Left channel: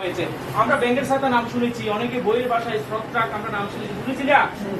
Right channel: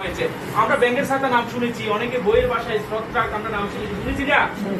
আমরা ব্যাংকের সাথে নাম শুনেছি, অনেকে বইয়ের ভাষায় স্পটট্রাক আমরা নাম শুনেছি না।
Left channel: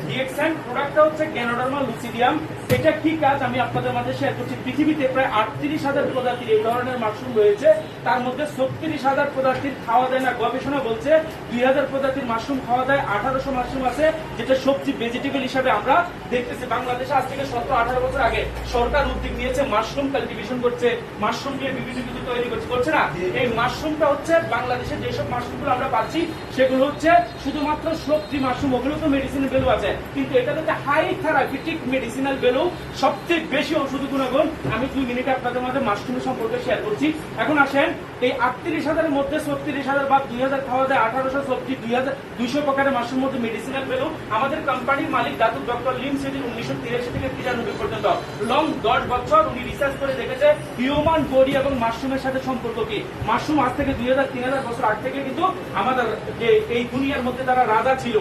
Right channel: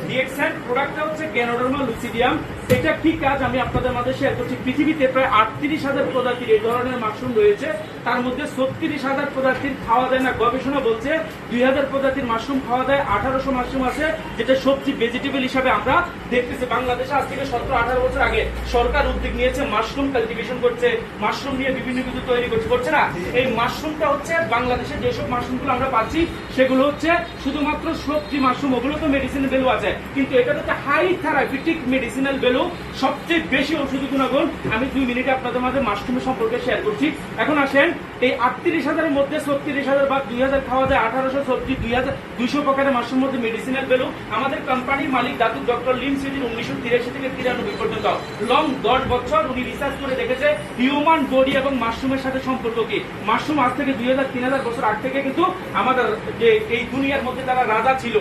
ডিএক্সএন প্রোডাক্টটা হচ্ছে গ্যানোডার্মা লুসিডিয়াম। এটা কি কাজ আমি আপনাদের মাঝে শেয়ার করছি। পৃথিবীতে প্রায় 38,000 প্রজাতির এই ধরনের মাশরুম রয়েছে, তার মধ্যে 36,000 প্রজাতির খাওয়া দেয় না। গবেষণা বলছে 2,000 প্রজাতির মাশরুম খাওয়া দেয়, 1800 মাশরুম আছে যেটা সবজি ভেজিটেবল হিসাবে আমরা দেখতেছি। বাংলাদেশে আজ থেকে 17-18 বছর আগে সরকার উদ্যোগ নিয়েছে, মাশরুম কাল্টিভেশন করছে, মাশরুম দিয়ে বিভিন্ন কিছু তৈরি করছে না। এই মাশরুমটা হচ্ছে বাংলাদেশে যেসব মাশরুমগুলো আমরা পাচ্ছি সেগুলো হচ্ছে শুধুমাত্র সবজি মাশরুম, ওগুলো তো মেডিসিনাল ভ্যালু আছে, কিন্তু এটা হচ্ছে হাই থেরাপিউটিক মেডিসিনাল ভ্যালু, সবচেয়ে বেশি ওষুধ গুণাগুণ। আমি 2 মিনিটে আপনাদের মাঝে মাশরুমের সম্পর্কে শেয়ার করছি। এখন আসেন, এই 38,000-এর মধ্যে 36,000 বা 2,000 খাওয়া দেয়, 1800 সবজি, 2,200 প্রকারের মাশরুমের মধ্যে মেডিসিনাল ভ্যালু। আমাদের কোম্পানির মালিক দাতুক ডক্টর লিম সুইডিন 1983 থেকে 93 পর্যন্ত লং 10 বছর উনি রিসার্চ করে দেখেছে হিউম্যান বডি এবং মাশরুমের সাথে সম্পর্ক কি। মাশরুম আজ থেকে 2,000-3,000 বছর আগ থেকে কিন্তু আমাদের যে এই দুনিয়ার মধ্যে তারা রাজা ছিল,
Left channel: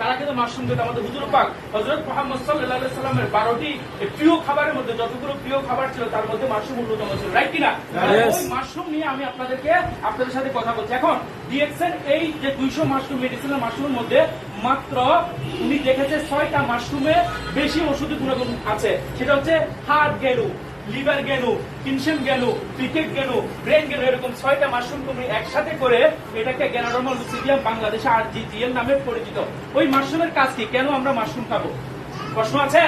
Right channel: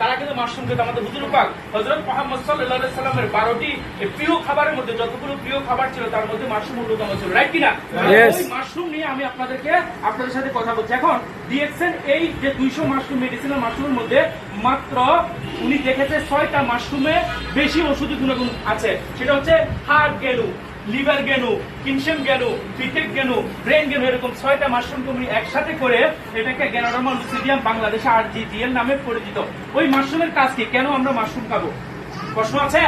তারা কিন্তু মাশরুম খেত। আমাদের হুজুর পাক হযরত মুহাম্মদ সাল্লাল্লাহু আলাইহি সাল্লামের 12টি প্রিয় খাবারের মধ্যে যতগুলো প্রিয় খাবার ছিল তার মধ্যে মাশরুম অন্যতম ছিল, রাইট কিনা? ওই মাশরুম নিয়ে আমি আপনাদের সাথে কথা বলছি। এখন ডিএক্সএন এই যে 200 মাশরুম মেডিসিনাল মাশরুমের মধ্যে মাত্র উনি দেখেছে 6টা মাশরুমে বেশি ঔষধি গুণাগুণ আছে। সেটা হচ্ছে হার্ট গেলু, লিভার গেনু, কিনসেম গেনু, পিটেক গেনু, ব্রেন গেনু, এরকম 6টা মাশরুম তুমি একসাথে করে এটাকে গ্যানোডার্মা লুসিডিয়াম বাংলাদেশে আরজিজিএল নামে পরিচিত। ওই মাশরুমের কাজ কি? কেন আমরা মাশরুম খাবো? প্রশ্ন আছে?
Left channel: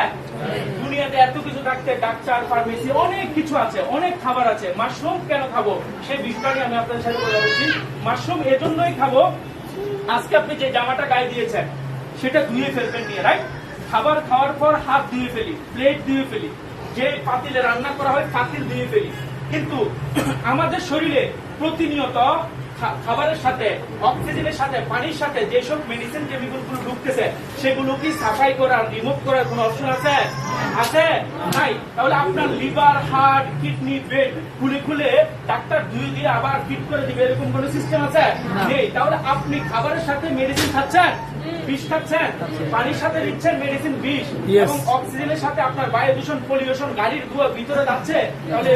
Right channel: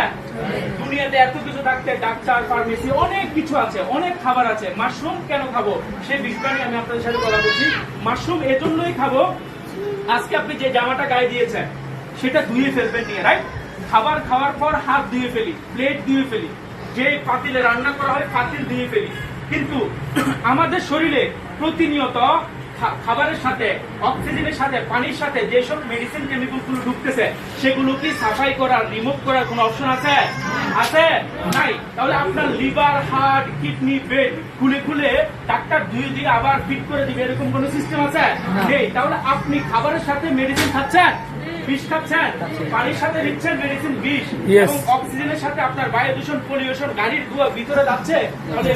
দুনিয়াতে এত কিছু থাকতে, ডাক্তার, ফার্মেসি, অনেক কিছু আছে, অনেক খাবার আছে, মাশরুম কেন খাবো সেই বিষয়ে আমি আপনাদের সাথে কথা বলছি। মাশরুম এজন্যই খাবো, আজকে আপনি যে জামাটা গায়ে দিয়েছেন সেটা ধুয়ে ফেলবেন নিয়ে, রাইট? খাবার খাওয়ার পর হাত ধুয়ে ফেলি, প্লেট ধুয়ে ফেলি, যে পাতিলে রান্না করা হয় পাতিল দিয়ে ফেলি, কিন্তু আমাদের শরীরে প্রতিনিয়ত খাবারের সাথে, অক্সিজেনের সাথে, পানির সাথে যেসব মেডিসিন কেমিক্যাল গুলো ঢুকতেছে সেগুলো কি সাফাই করার, রিমুভ করার কোন অপশন আছে? আছে? নাই। তাহলে আপনার লিভার, হার্ট, কিডনি, ব্রেন খুলে ডাক্তার ধুয়ে দিয়ে আবার ফিট করে দিবে এরকম কোন সিস্টেম আছে? নেই। তাহলে আপনি খাবারের সাথে মেডিসিন খাচ্ছেন, বিষ খাচ্ছেন, পানির সাথে দিচ্ছেন মেডিসিন বিষ, এবং অক্সিজেনের সাথে আপনার বায়ু দূষণ, পরিবেশন, গাড়ির ধোঁয়া ভিতরে যাচ্ছে। তাহলে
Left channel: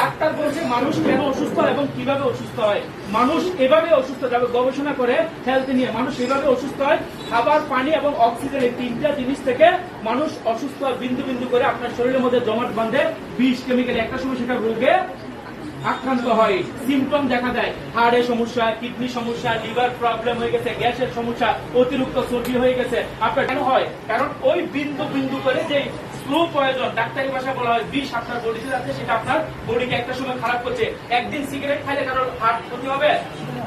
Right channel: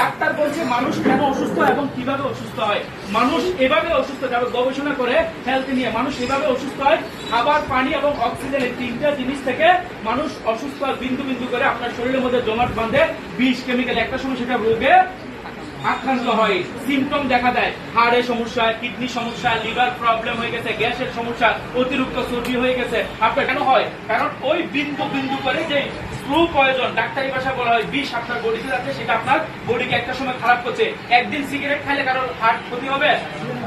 ডাক্তার বলছে মানুষ কেন অসুস্থ এবং কিভাবে অসুস্থ হয়। মানুষ এভাবে অসুস্থ, যাবে গবেষণা করে হেলথ নিয়ে, মানুষ এভাবে অসুস্থ হয়। খাবার, পানি এবং অক্সিজেন এই 3টা জিনিস থেকে মানুষ অসুস্থ হয়। বিন্দু বিন্দু করে আপনার শরীরের মধ্যে জমাট বাঁধে বিষ, কেমিক্যাল, একটা সময় সেটা রোগে আক্রান্ত হয়, সিমটম দেখা দেয়, হাড়ের সমস্যা, কিডনি সমস্যা, লিভার প্রবলেম হয়ে গেছে, গ্যাসের সমস্যা, অতিরিক্ত চর্বি হয়ে গেছে। আপনার কেন হয়? কারণ ওই বিন্দু বিন্দু করে যে স্ক্রু প্রয়োজন, ডাক্তারি ভাষা বলা হয় বিষ, আপনার বডিতে আছে, সেটা আপনার বডিকে একটা সময় খারাপ করছে। একদিন সিগারেট খাইলে কারোর হার্ট ক্ষতি হবে?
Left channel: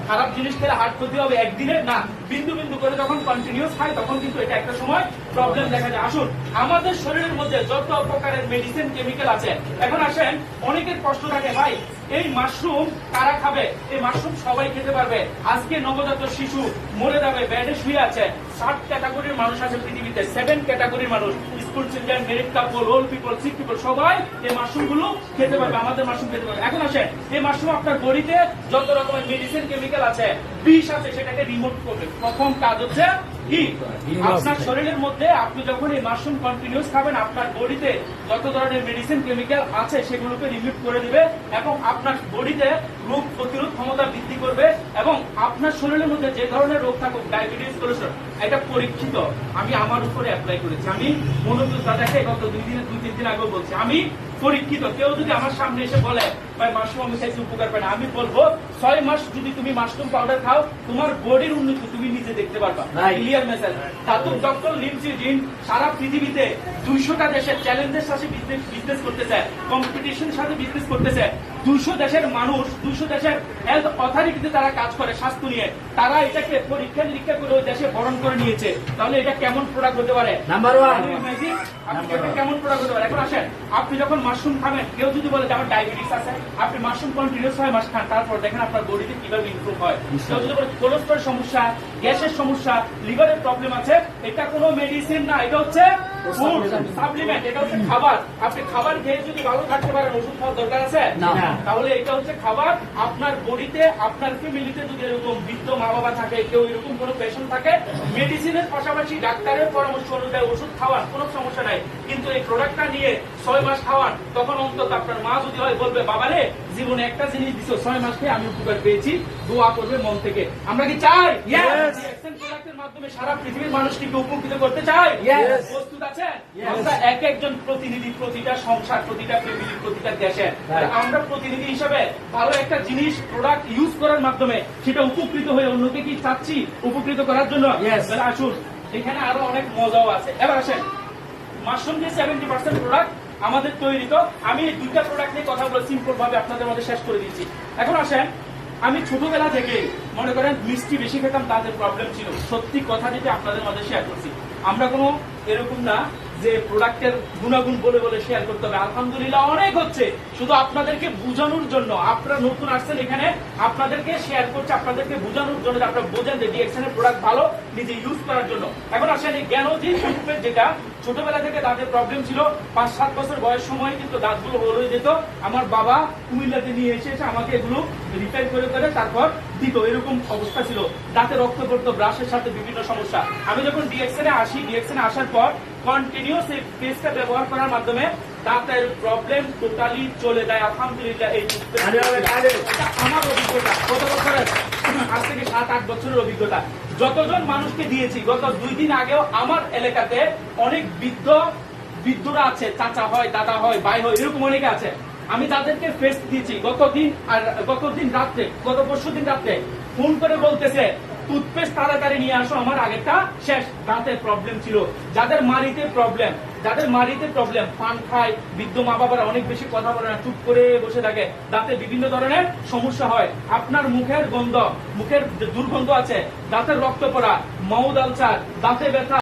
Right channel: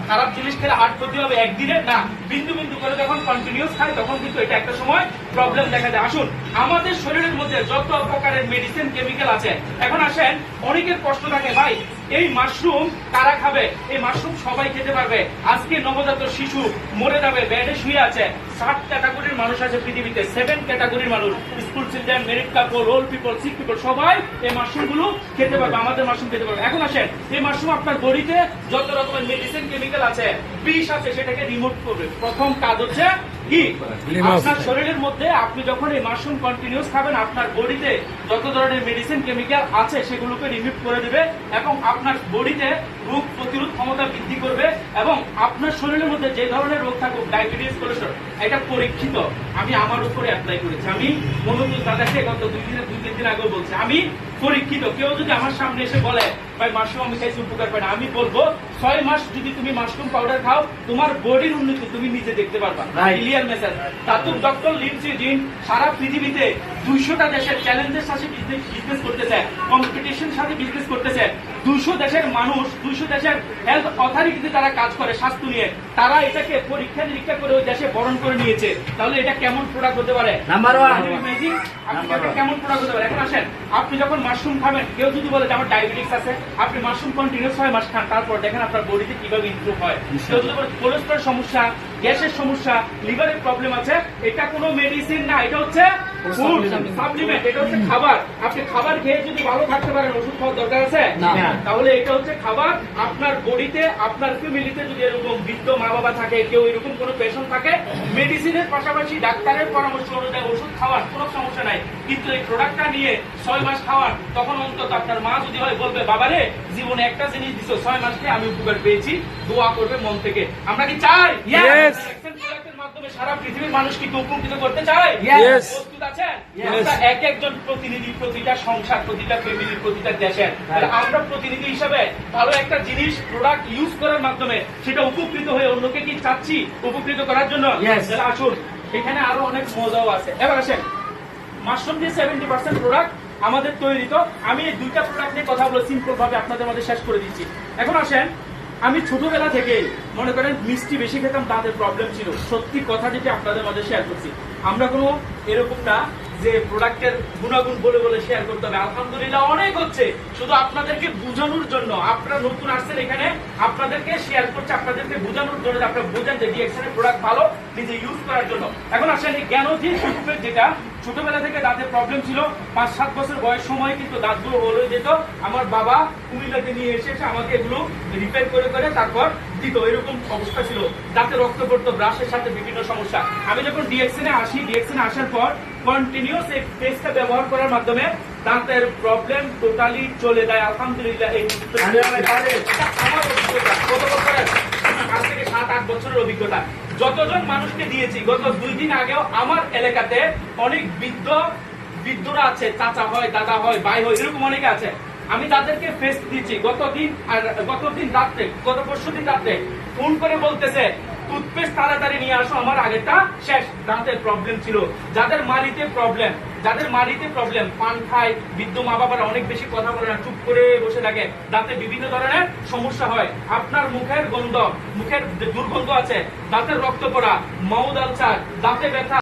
খারাপ জিনিস খেলে হার্ট ক্ষতি হবে একদিনে? না। বিন্দু বিন্দু করে যখন কন্টিনিউস খায় তখন কিন্তু এটা একটা সময় প্রবলেম দেখা যায়। আসুন, আমাদের শরীরের মধ্যে যত প্রকারের মেডিসিন, কেমিক্যাল আছে। এখন আসেন, অনেকের প্রশ্ন থাকে, ভাই এই মাশরুম কারা খাবে? এই মাশরুম সবাই খেতে পারবে? আজকে নবজাত শিশু মরে যাবে, বেডে শুয়ে আছে, 7 ক্যাটাগরির মানুষ আছে পৃথিবীতে, 7 ক্যাটাগরির মানুষ, স্কুল চিলড্রেন, মেরিড কাপল, ওল্ড পিপল, সিক পিপল, সবাই এই মাশরুম গুলো খেতে পারবে, আমাদের মাশরুম খেতে পারবে। এখন আসেন, এই মাশরুম আপনার বডিতে যত রকমের মেডিসিন, কেমিক্যাল আছে, বিষ আছে, সেটাকে রিমুভ করবে। প্রথম কাজ হচ্ছে কি? আপনার শরীরের মধ্যে আপনি যখন এই মাশরুম কন্টিনিউস খাবেন, আপনার বডিতে যত ধরনের মেডিসিন, কেমিক্যাল আছে সেগুলোকে রিমুভ করে দেবে এবং আপনার বডিতে রোগ প্রতিরোধ ক্ষমতা বৃদ্ধি করবে। এবং আপনার শরীরের মধ্যে যে ধরনের রোগ থাকুক, ডায়াবেটিস, কোলেস্টেরল, এটা পরীক্ষিত। আমি আমার উপরে অ্যাপ্লাই করেছি। আমি মনোযোগ দাদাকে গত 2-3 দিন আগে বলছি, আমি পরীক্ষিত। কেউ যদি আমার সামনে এসে বলে ভাই মাশরুম আমি চাইছি উপকার পাই না, আমি বলবো 6 মাস যদি তুমি মাশরুম পাউডার খাও, তোমার বডির উন্নতি তুমি নিজে দেখতে পারবা। Clear message. তারপর ডক্টর লিম সুইডিন সারা পৃথিবীতে 200টা দেশের চ্যালেঞ্জের সাথে বিজনেস করতেছে, কম্পিটিশন সাথে বিজনেস করতেছে। 200 দেশের মানুষ, 200 দেশের হেলথ অথরিটিতে তারা কাজ করে স্বাস্থ্য নিয়ে, তারা এটাকে পরীক্ষা নিরীক্ষা করে ওই দেশে বরণ করে নিয়েছে। তাহলে এটা কেমন প্রোডাক্ট হতে পারে? নাম্বার 1 কেমন প্রোডাক্ট হতে পারে? এখন আসেন, আপনি যখন মাশরুম খাবেন, কেউ যদি বলে যে আমার ডায়াবেটিস আছে, আপনি মাশরুম কন্টিনিউস 6 মাস খান, তারপর দেখেন আপনার বডিতে কিভাবে ইমপ্রুভ হয়। কেউ যদি বলে কোলেস্টেরল সমস্যা, গ্যাসের সমস্যা, লিভারের প্রবলেম আছে, এটা কোনো মেডিসিন না, এটা হচ্ছে ফুড সাপ্লিমেন্ট, এটা হচ্ছে খাবার। আপনি খাবার খেয়ে যদি ভালো থাকতে পারেন, ওষুধ খাওয়ার দরকার আছে? তাহলে এটা হচ্ছে খাবার। আপনার বডিতে, আপনার ফ্যামিলিতে যদি এরকম বৃদ্ধ মা বাবা থাকে, কেউ এরকম কোনো পেশেন্ট থাকে, মেডিসিনের পাশাপাশি ডাক্তারের পরামর্শ অনুযায়ী ওষুধ খাওয়ার কোনো সমস্যা নাই, কিন্তু এই প্রোডাক্টটা নিয়ে 6 মাস খাওয়ার, তখন অন্তত আপনার মা যদি হয় বলবে, বাবারে জীবনে একটা জিনিস দিছো, 6 মাস খেয়ে আমি উপকার পেয়েছি, দোয়া করবে মন থেকে। আমরা কি চাই? প্রোডাক্টের মাধ্যমে সারা পৃথিবীর মানুষ কি উপকৃত করতে চাই? প্রস্তুত আছেন? আমরা এক একজন প্রতিনিধি, প্রতিটা সংসার, প্রতিটা ফ্যামিলি, প্রতিটা দেশের আমরা প্রতিনিধি হিসাবে ভালো একটা জিনিস প্রোডাক্ট ইউজ করার মাধ্যমে সেটা উপকৃত হয়ে অন্যকে কি চাচ্ছি উপকৃত করার জন্য। আসুন, এখানে আরো অনেক মজাও আছে। এবার আসেন, মাশরুম দিয়ে 70% প্রোডাক্ট আমাদের তৈরি। তো আমি এই দুইটা প্রোডাক্ট নিয়ে কথা বলে সিম্পল ভাবে আপনাদের মধ্যে শেষ করে দিচ্ছি। এখন আসেন, আমি ছোটবেলা থেকে মনে করেন মিষ্টি বেশি খেতাম, তাদের প্রবলেম ছিল। সত্যি কথা যেটা আপনাদের মধ্যে শেয়ার করছি, আমরা কোনো এরকম না যে প্রোডাক্টের গুণাগুণ বলে বলে শেয়ার করতে হবে। আলহামদুলিল্লাহ অনেক হচ্ছে, শুধু আপনাদেরকে বোঝানোর জন্য। আপনারা নতুন আসছেন এখানে, আপনাদেরকে শেয়ার করছে, আপনাদেরকে বোঝানোর জন্য, আপনারা বোঝেন যে ডিএক্সএনের প্রোডাক্ট ভালো, নিজে ইউজ করার জন্য। এখন আসেন, এই জ্ঞানজি শিল্পের যেটা ছোটবেলা থেকে দাঁতের প্রবলেম ছিল, 5-7 বছর বয়স সময় কিন্তু দাঁতগুলো হয়ে যেত। আমার বাবা কুমিল্লাতে নিয়ে এসে আমাকে এগুলো রিপেয়ার করে করে তারপর দিত, এরকম অবস্থা ছিল। দাঁতে রক্ত পড়তো, ব্রাশের সাথে বিভিন্ন সমস্যা। আমি যখন ডিএক্সএনে আসি, ডিএক্সএনে আসার পর কন্টিনিউস এই পেস্টটা ব্যবহার করার মাধ্যমে দাঁতের প্রবলেম টোটালি চলে যায়। আলহামদুলিল্লাহ। এই আমার অভিজ্ঞতা কত বছরের? আজ থেকে 7-8 বছরের অভিজ্ঞতা। যতজন মানুষকে দিয়েছি, গত 2 দিন আগেও আমার এলাকাতে অনেক বৃদ্ধরা আছে, চাচা হয়, দাদা হয়, ভাই হয়, এরকম অনেকে আছে। আমি তাদেরকে ফেস দিচ্ছি গতদিন রাত্রে, গত পরশু দিন রাত্রে ফোন করে বলতেছে, টুথপেস্ট তাড়াতাড়ি নিয়ে আসো, আমার আগেরটা শেষ। দাঁতের প্রবলেম ছিল, যাদের মাড়িতে প্রবলেম, পান খায়, বৃদ্ধ মা বাবারা অনেক বেশি কথা বলে না, চুপ করে বসে থাকে, দাঁতে বিভিন্ন ধরনের সমস্যা হয়। আপনার মুখের দুর্গন্ধ আছে, দাঁতের রক্ত পড়া, মাউথ আলসার, দাঁতে ব্যথা।